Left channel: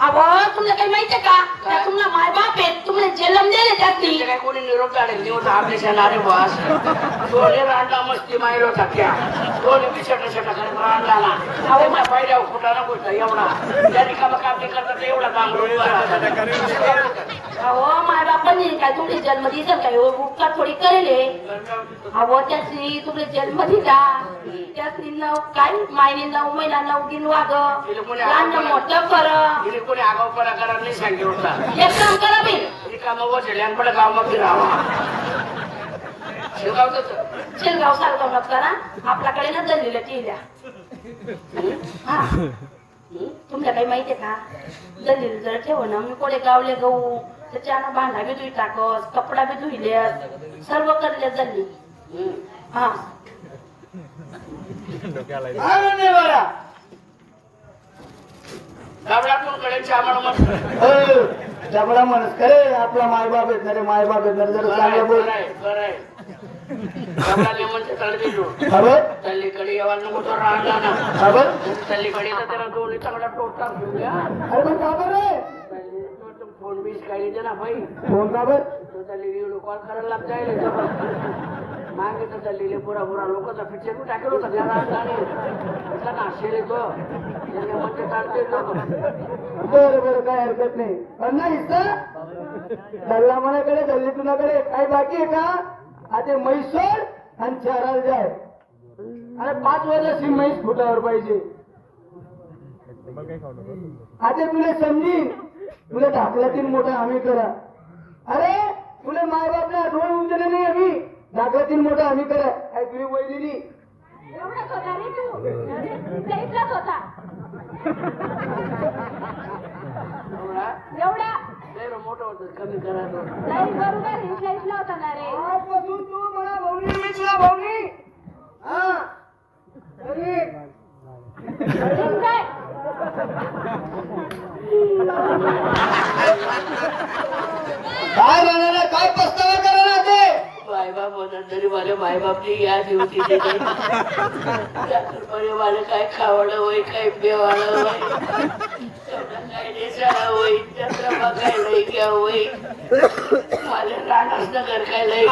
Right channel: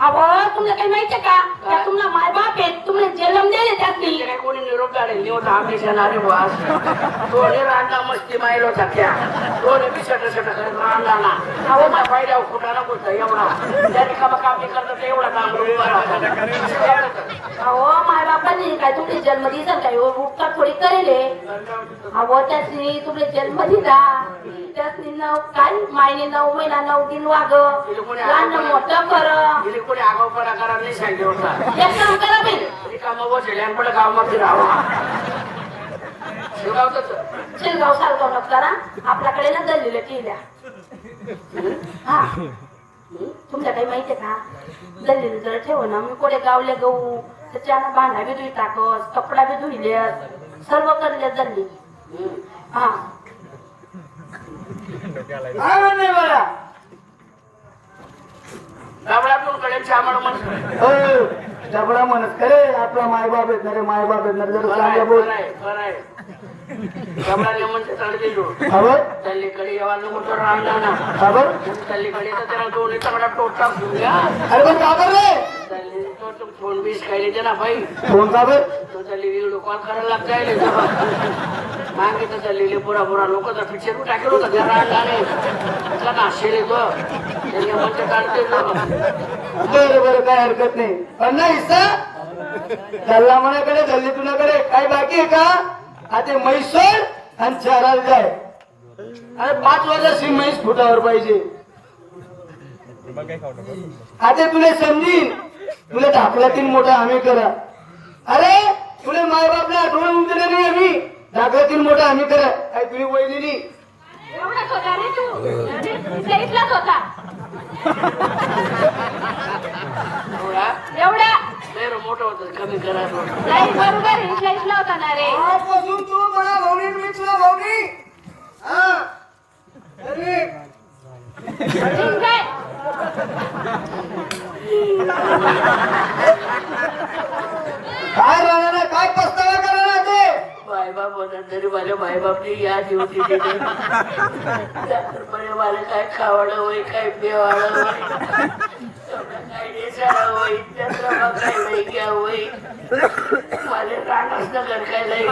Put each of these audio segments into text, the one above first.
अहो तुला काही माहितीये का तुम्हाला माय बाप आहे तुम्हाला जन्म दिले त्यातनी काय कोणी निरोप काढेल निवड आम्ही बस दोन्ही रांडा मस्ती मायलो सख्या दोन्ही पिछट करत रांडा ना अहो माझ्या पाहिल्या खोटा ना गोष्ट एवढा त्यांनी काम करतात एवढा काम अहो माय बापांनी काय तुमचे जन्म दिला काय उपकार थोडी करेल अहो त्यासनी तुमले जन्म दिला त्यासनी नऊ काय मायने 9 महिना 9 दिन वाग लहान मोठं कर कोणी आगाऊपणा करा नाही सांगितलं होता एक काम करा बी रिकामा बसेल आणि पडे गावात फिरावा शेलगाव सालगाव न करा आपल्याकडे ना दल्लीला केल्या हा तुमच्या काही माहितीये का दल्लीला जर ठेव ना मी कोडे गावले गहू त्याच्यानं भांडा बी धुई टाकस कपडा बी धुईले सर्व करले दल्ली हा काय म्हणणे बघा जबडा म्हणत खरे आपला मायबाप येत ना रे मायबाप येत ना रे जरा चांगलं बोल खबर तल्लीकडे यावाला नको राहणार ना खबर तल्लीकडे तर त्याला दोन्ही चांगला टोटा अरे पण का बर रे फोन बीस काय देते ना भाई फोन का बर तो तल्ली व्हिडिओ कॉल करायला लागताय मागितलं तल्लीले पुरा लोक तर पिक्चर टाकेल होता त्याला नाशेल येतो बरं बरं काय हरकत नाही पण नाही हिस्सा दल्ला मनाकडे दल्ली तुझ्याकडे काय बाकी आहे का आता म्हैसोड आणि चाराला जाय अरे 5 वर्षाची म्हैस फुटावर पाहिजे आता तुला समजीन तुला ढाकल्यातील मोठा आम्ही करा अरे तुला मायबापला आठवण दिले नाही आम्ही ढाकल्यातील मोठा आम्ही करा काय तुझी वैदिनी एवढाच होता रे तू इथलाच होता एवढा मोठं होतं कमी करायला नाही बरोबर इथला होता ना रे आजपासून तू मला भावनी मी तुला भावनी हा अरे ठीक आहे काय राहणार काय पस्तावा करणार ते मायबाप होता तरी माझ्या मायबापची याद होती तिथे मला काय खावडं होई काय पेवाडं होई काय नेसाळा होई चंद्रमा काय लई घ्या होई माझे राणाच नगर काय लई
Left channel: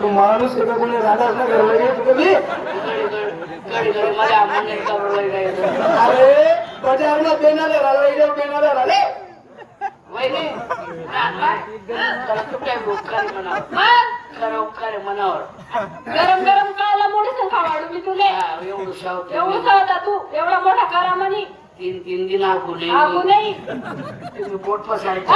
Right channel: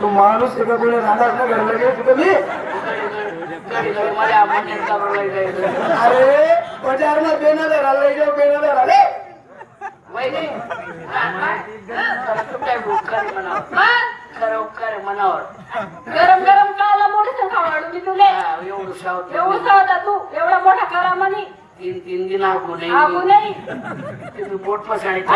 तू माणूस एका तुला राहणार ना घरला गेली तुम्ही घडी घडी मला आम्हाला कापड अरे बजारला पेनाले राहिले घेऊ पेनाले राहिले वहिनी काय उपकार म्हणावं खरं उपकार म्हणावर गरम गरम काला मोठी खावाडू मी तुले एवढं सावत एवढा होता तू एवढा मोठा करा म्हणे 3 दिन आगू आगू नाही तुम्ही पोट पसायचं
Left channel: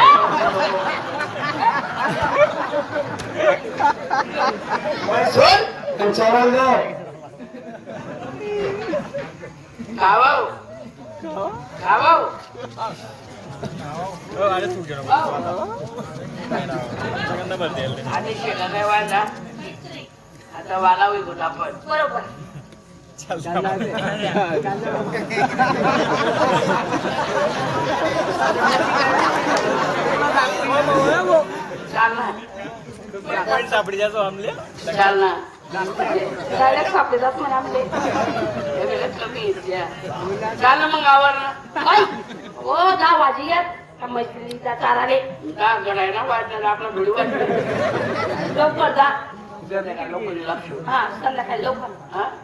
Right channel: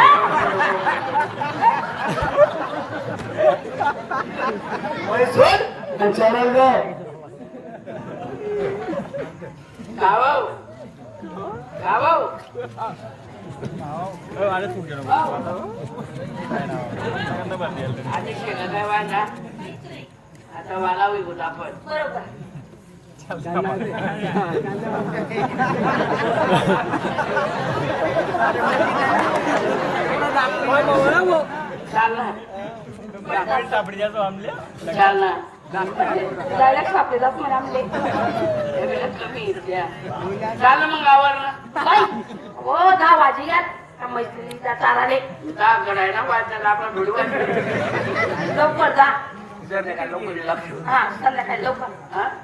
सोड चारायला जाय खावाव खावाव आधी शेगा काय वाढला आता वाला होईल होता आपण बरोबर चाल ना चाल ना डायरेक्ट सापडे जात म्हणा आमले कमी चाल ना मग आवडलं काय हो 10 वाजी यात मैत्रिणीचा चाराले का गडाय ना वाटणार आपला व्हिडिओ लवकर जा लोक हा संध्याकाळी लवकर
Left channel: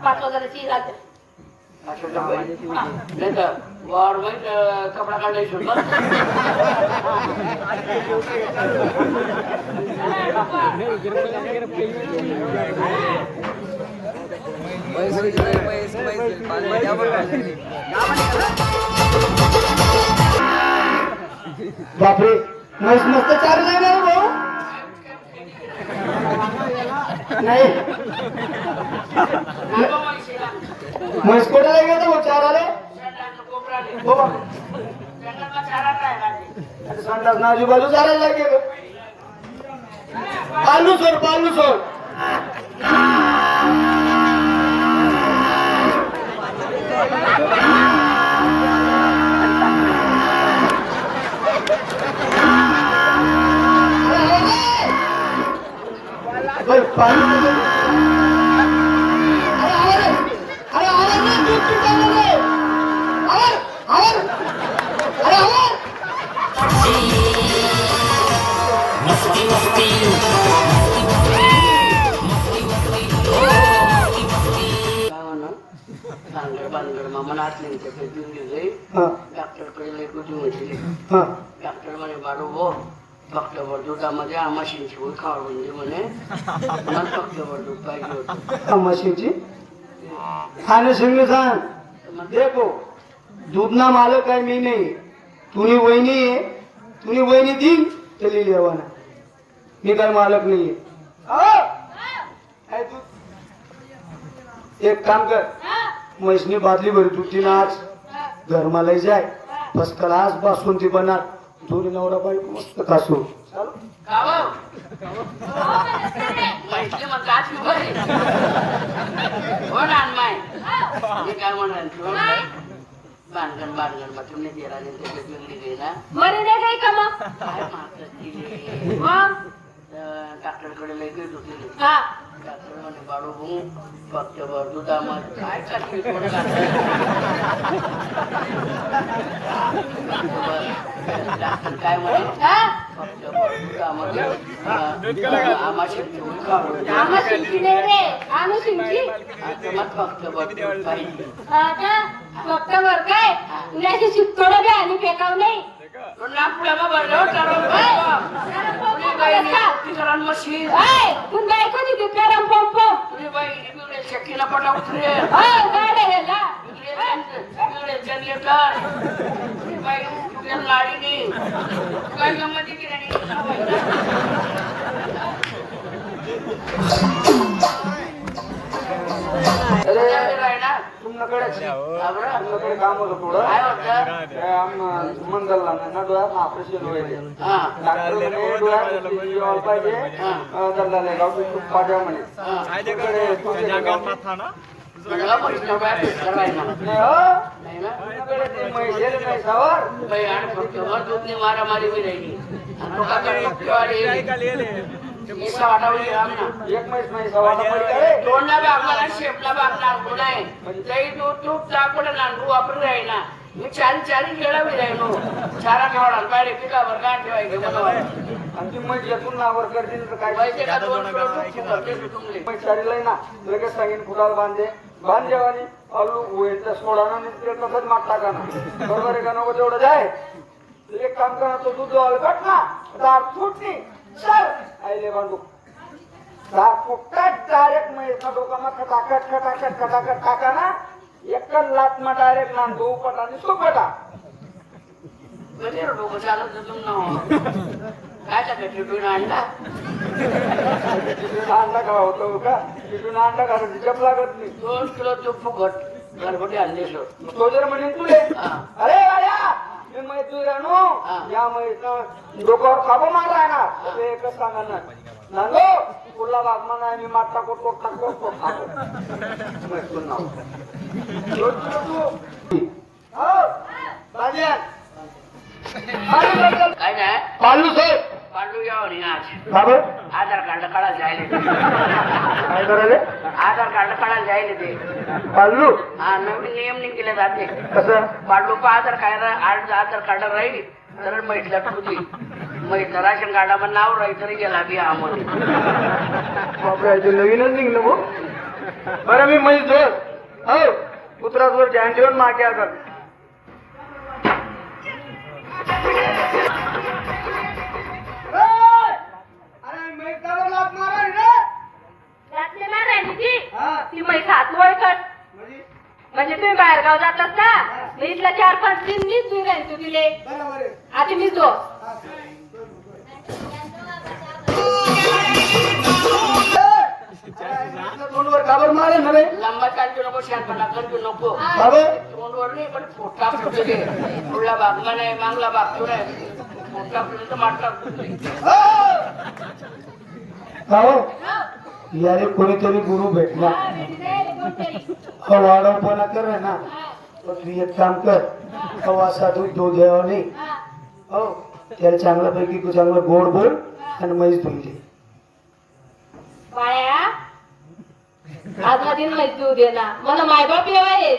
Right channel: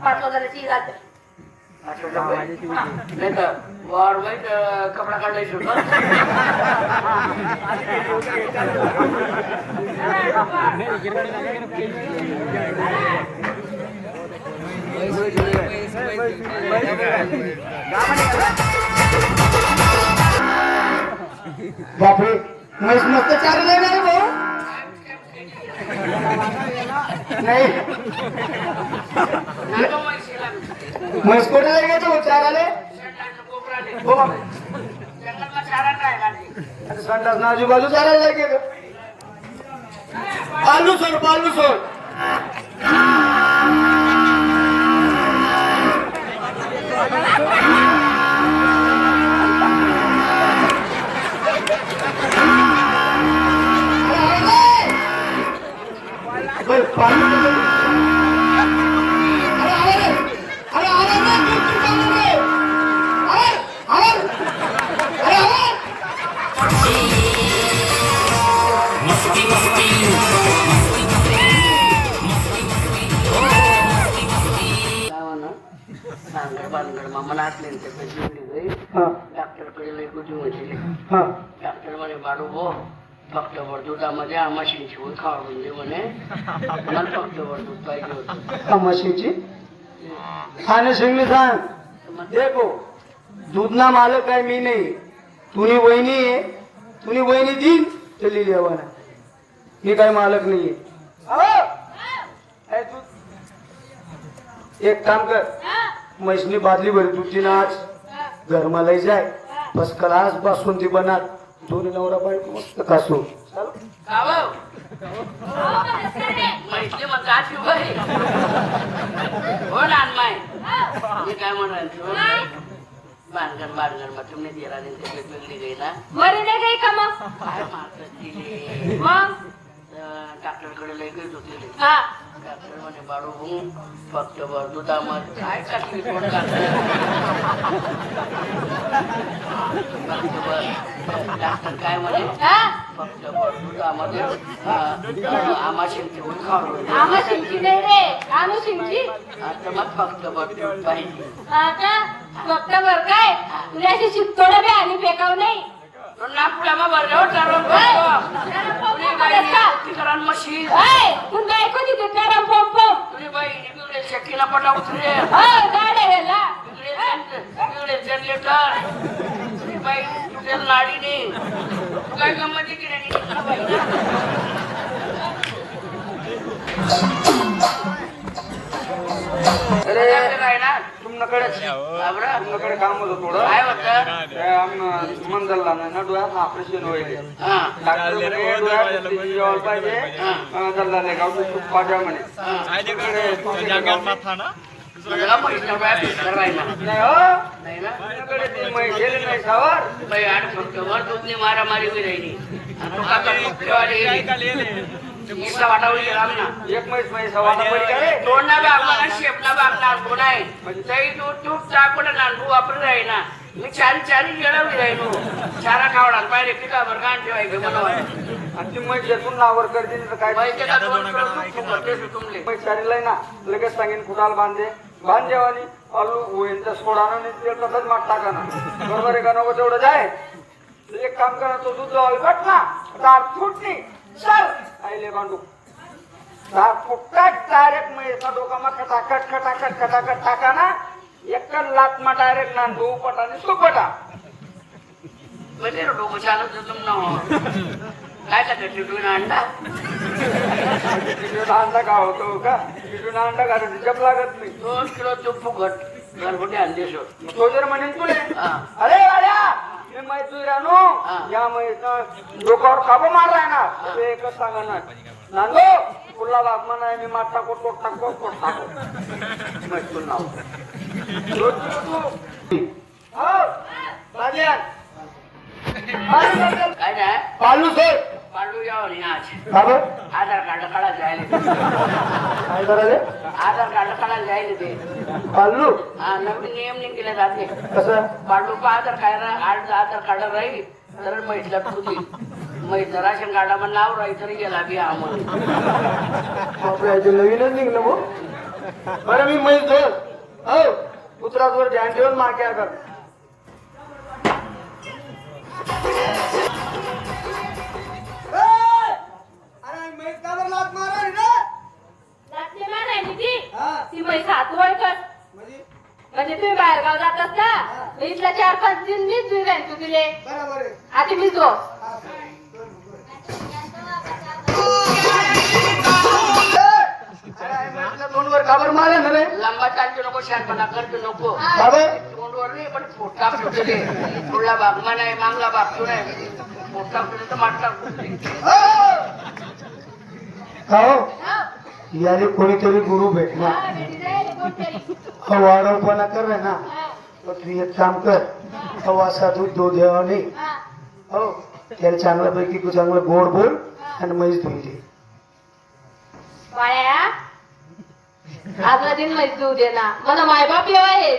5 वाजल्याची जाते नाही तर वर माहित कपडा काढलाय शोध बापरे म्हैस मस्त चार नाही ना रे भाऊ नाही म्हैस कोणाला गेलं मग चाराले हो संडास ना आजूबाजू चालायला गेलं पालू सोड डॉक्टर मामा नाचले आणि त्याचं जीव गेले हा डॉक्टरकडे लई गुजी म्हटली हा डॉक्टर म्हणे बाळू भो फक्त वरदुटामध्ये आमाशींची होई खावडून दे म्हणे मला फक्त वरदूट पाहिजे होतं अमाशीची खाणे सिंगने सांग देखो दूधना मालक आहे मी नाही तुम्ही वहिनी आहे तुम्ही वहिनी देईन चली जेवाना मी काही मालक नाहीये काय तू एक काम कर म्हैसनी बादली भरी तुझी नाच घरमा लई जाय फर्स्ट क्लास बासुंदी बनणार दोन्ही नवरा बायको मस्त कासू म्हटले मग गाठी भरली हो ना नाही मी काय म्हणाल बांधगण मग तुम्ही दिला नाही ते वेगळी गई ना मरे नाही गई का मग काय मारतात तिले मग डॉक्टरकडे लई गई होती हा डॉक्टर म्हणे बाळू भाऊ फक्त दुधामध्ये काय टाकली कोण डॉक्टर काय म्हणे हा फक्त दुधामध्ये आमाशेंची होई खावडून आमुषिंची नाही रे आमुषिंची आता मग फक्त दूध पाहिजे आता फक्त बर काय तुला अशी शिकतोडं बी आणि फेकाव नाही नागपुरामा भरल्यावर करून मशीन तू बायको तिथे पेरम पोम पोम तुझी बाई बिगडे शेतीला पटा उतरे गाड्या ह्याला बिगडे जनरेटर तुझी बाई तुझ्या लाडीने काय गमती तुमच्याकडे काम होतं थोडं काय होतं मंदलला ना डोळ्यात ऑपरेशन होईल पाठवा म्हणे तुझ्याला पैसे काय करायला नाही ना बाई आठवतो दूधने मारामारी बी राहिली वाटावली एक म्हैस सव्वा तोंडा बापला शेपला बापला आणतो नाही तरी दूध टाकून नांदू वापरून राहीना मी चारी गेळवली राहीनो चारा खावडा पाहिजे पिकावर कान ठेवायचं बरोबर आणि ती म्हैस येथून नावर करते तर काय पैसे का दोन तुमले म्हैस चारीला ना लगेच सांगेन कुडाल बांध जेवानी आलू होईल तर सोडा ना तसंच माग टाका ना बरोबर आहे का नको तेवढं जाय एक काम करा तो दूध काट ना दार फुटली चल आईले बांधू दार फुटतात डायरेक्ट म्हैसना डोका मग खटाखट टाका ना एकच लात मा डायरेक्ट ना दो पटा आणि तो पटा म्हणजे डोकं चालत होतं ना काय टाकत तिथून अंडा तिथून अंडा का होतो का तिथून अंडा घालायचं जप लागत नाही 2 किलो तूप फुकट घरगुती आणले शो तो जर म्हणेन तुले अरे गाड्या मी मैत्री राहनो या मैत्री डोक्यावर खाबो मारलाय ना ते एकच सांगणार नांदो तुला लागणार नाही मी माता को टाको मैत्री नाव हो राजा काय नाही पालू सर पांडू यावं नाही आज बाबा आधार कार्ड काढायला जायला काय करायले आधार कार्ड काढायला जायला ते पालू हा नवीन नियम निघले जाते कसं पांडू आधार कार्ड राहील तर म्हैसला ठुती म्हैस राशन कार्डावर नाव राहील तरी गेला बी आम्हाला नवीनच निघलं भाऊ बरं मी म्हैस धोर हो पुत्रावर ध्यान ठेवून मागे कर ती म्हैस हातवळ कर म्हणजे तुम्ही बाहेर गाव जात असता इथला 4-5 दिन मीच दूध आहे तू दिले आता मी जो तोंडवर काबर मारे ना रे लंबा चालतो नको शहाणपणा करतो नको बाबा तोंडवर नाही पण फोटा फुटले पुढला बागमा नाही मागला बागतो नाही फोटा फुटले तर माटला फुटले हो यारे कोणीतरी गुरु भेटला वाढवपणा कर रे ना तू एक काम कर हवा साधू दो देवा नाही हो त्याला चांगल्यापैकी तू चांगलं गोड बोल आणि म्हैस धुई दे बाया आजला दिन म्हैस दूध दे ना मला मायबाप येऊ आहेत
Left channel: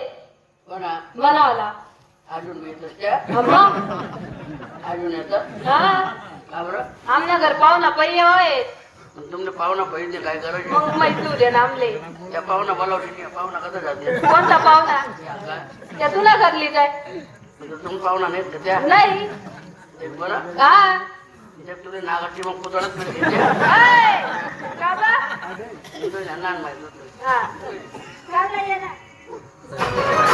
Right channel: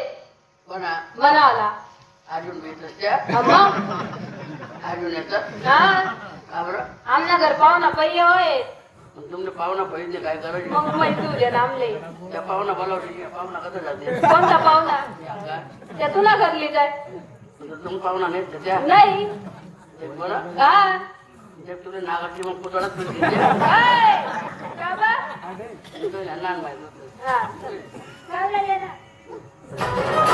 बना बनावला अजून भेटत त्या मग अजून येतात हा का बरं आमना घर पाहुणा पै येऊ आहेत पण तुमने पाहुणा पाहिजे काय करायचं मग माहिती उद्या नामले त्या पाहुणा बोलावली पाहुणा कसं जाते कोणता पाहुणा त्या तुला घरली काय तुम्ही पाहुणा नाहीत का त्या नाही ते बरं हा ते तुला नागाची मग पुतळाच मिळते ऐ, का बा? लहान माहिती हा. चाललंय ये ना.